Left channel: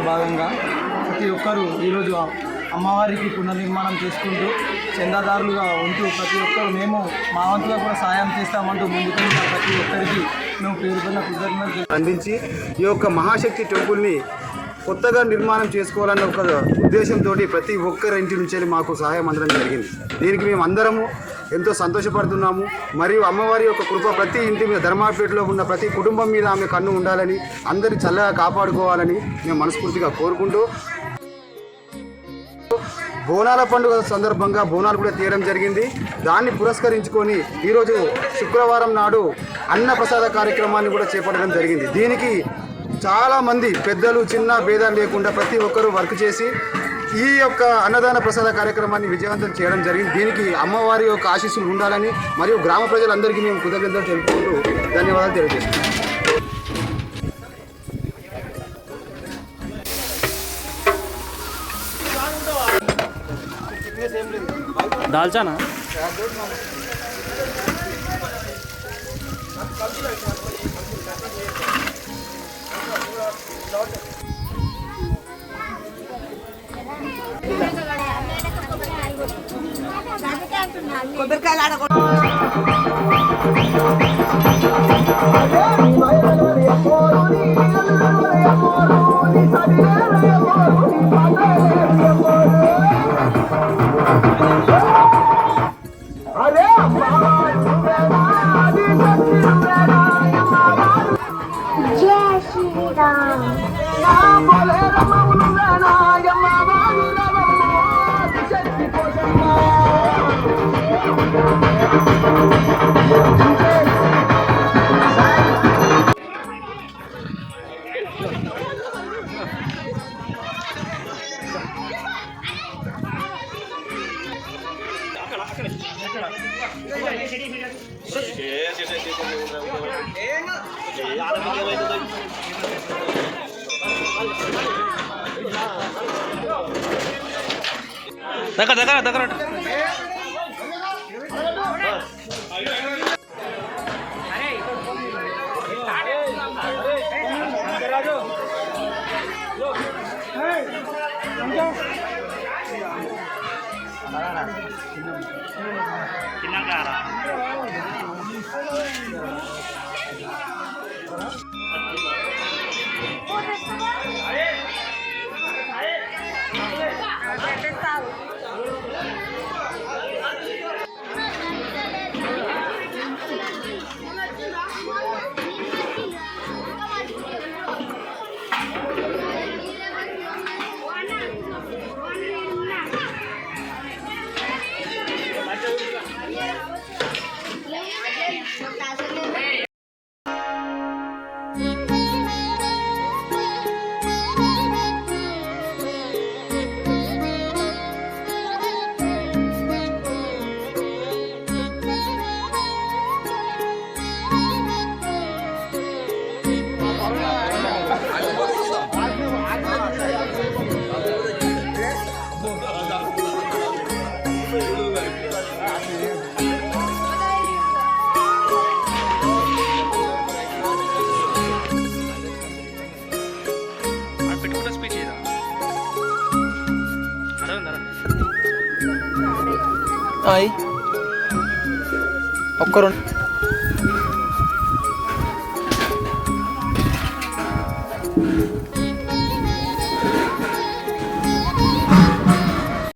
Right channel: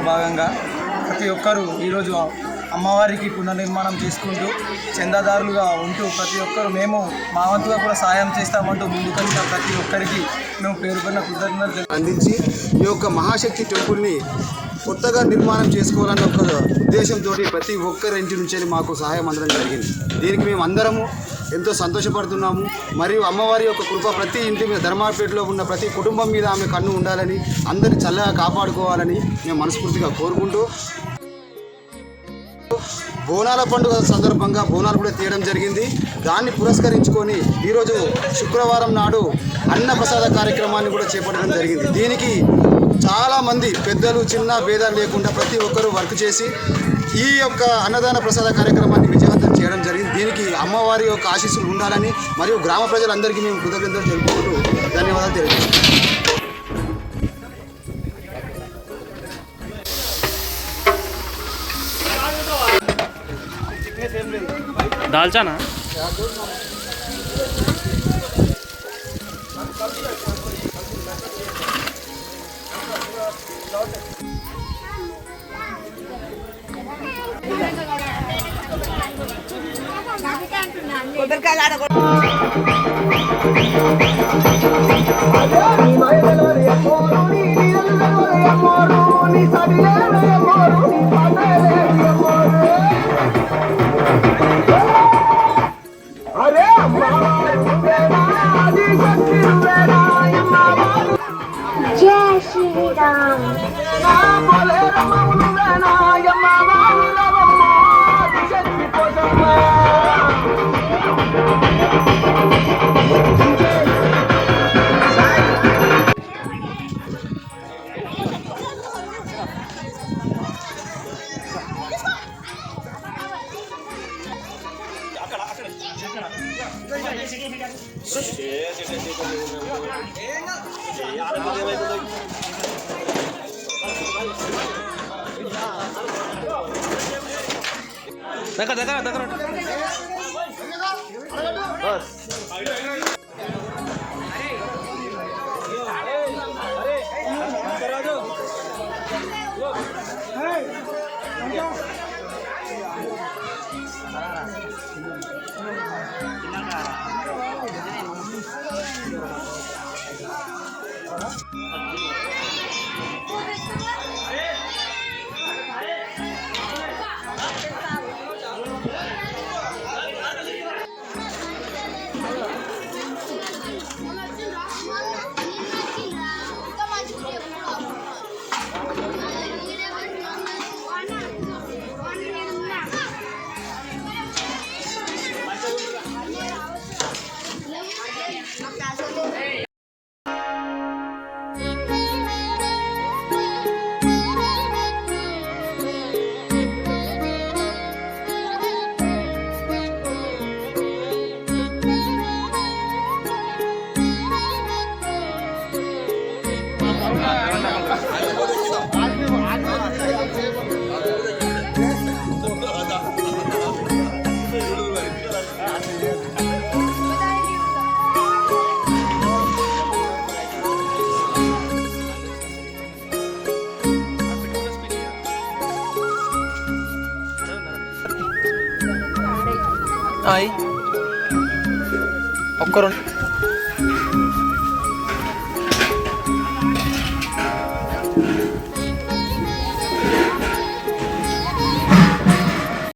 కార్యక్రమంలో భాగంగా ప్రతి ఒక్కరూ ఈరోజు అమ్మవారికి పునర్నిర్మాణం చేసుకుంటూ చందాదారులుగా ఉంటూ ప్రతి ఒక్కరు మేము మా వంతుగా కూడా సాయం చేస్తామంటూ ముందుకెళ్తున్న ప్రతి ఒక్కరికి మేము పేరుపడిన కృతజ్ఞతలు అందించి ఈ యొక్క మహాశక్తి టెంపుల్ని కొత్తగా నిర్మాణం చేసుకోవాలన్న ఒక ఉద్దేశంతో ప్రతి ఒక్కరి ఇంటి నుంచి మాకు సహాయం అందడం జరిగింది. దీనికి మేము అందరము ఎంతో సంతోషపడుతున్నాము. మరియు అమ్మవారి యొక్క కృప ప్రతి ఇంటి మీద, ధర్మాపేటలో ఉన్న ప్రతి కుటుంబం మీద ఆమె కన్ను ఉండాలని, అందరి చల్లగా కాపాడుకోవాలని మేము మనస్ఫూర్తిగా కోరుకుంటూ, బోనాల పండుగ సందర్భంగా బోనాలు కూడా తీయడం జరిగింది. దాన్ని పురస్కరించుకొని ఈరోజు శుక్రవారం నాడు అన్నప్రసాద కార్యక్రమాన్ని కూడా చేపట్టడం జరిగింది. దీనికి చాలామంది పెద్దలు చిన్న భేదాలు లేకుండా ప్రతి ఒక్కరూ వర్క్ చేసి ఈ యొక్క అన్నదాన ప్రసాద కార్యక్రమాన్ని విజయవంతం చేయడం జరిగింది. దీనికి అమ్మవారి యొక్క ఆశీస్సులు ఉండాలని మరియు గ్రామ ప్రజలందరికీ మేము కృతజ్ఞతలు తెలుపుకుంటూ ధన్యవాదాలు తెలియజేస్తున్నాం. దాల్చానా जय श्री राम। దగ్గర ఒక్కరు